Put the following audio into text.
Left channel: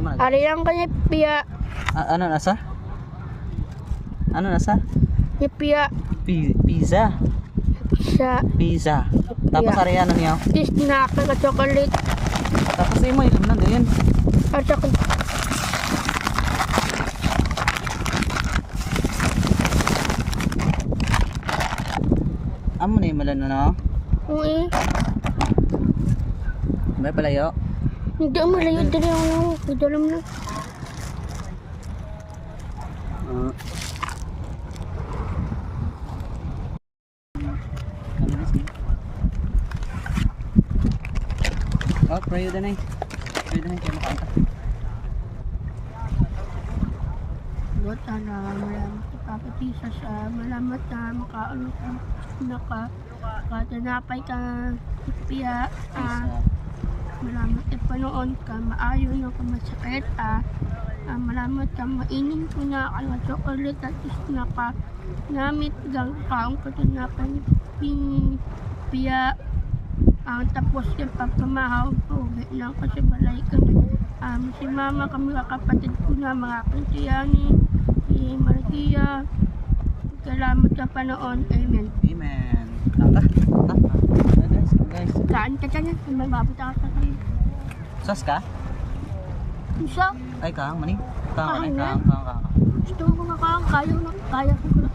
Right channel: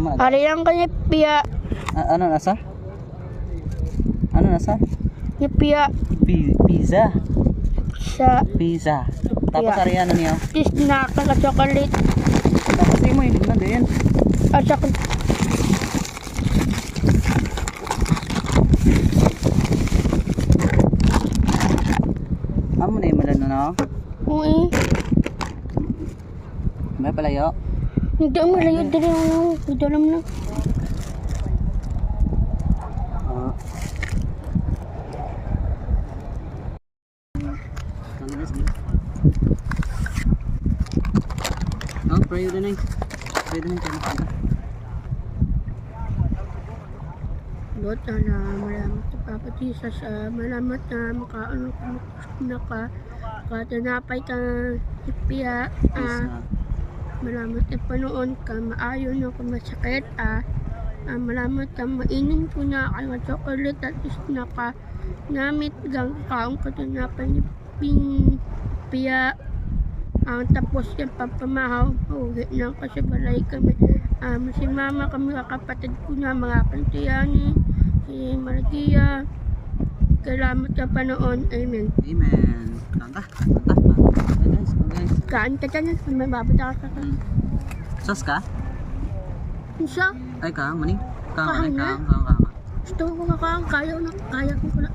Hari lang kanya piya. Ano nasa? Ano nasa? Yung piya. Pizza. Sa Pizza. Tapos Yeah. ari ano niya? snack na chocolate. Tapos mo yun na din. At saka Amo na yung malano na. uwi. Ba palayo? Hindi malayo din yung dalam na. Oh, pray na nice. Pray na nice. Lord, malamat na papatisa sa malamat na makaano na ka katinapay ka ipiya malamat na panoon ka maayon na ka masakit malamat na mainin ko na ang chocolate at is na ka namit gang kaong katinapay ni piya tapos yung papamahaw uwi na kasi balay kami si mama kami kapatid ko na mga kantiyani si Martia salamat sa panoon amen Amen. Tata. kain ka dyan may mabata ka sa Sas ka? isa Ay kang mani. Kahang na. Kang. gusto ko nga kaya ko na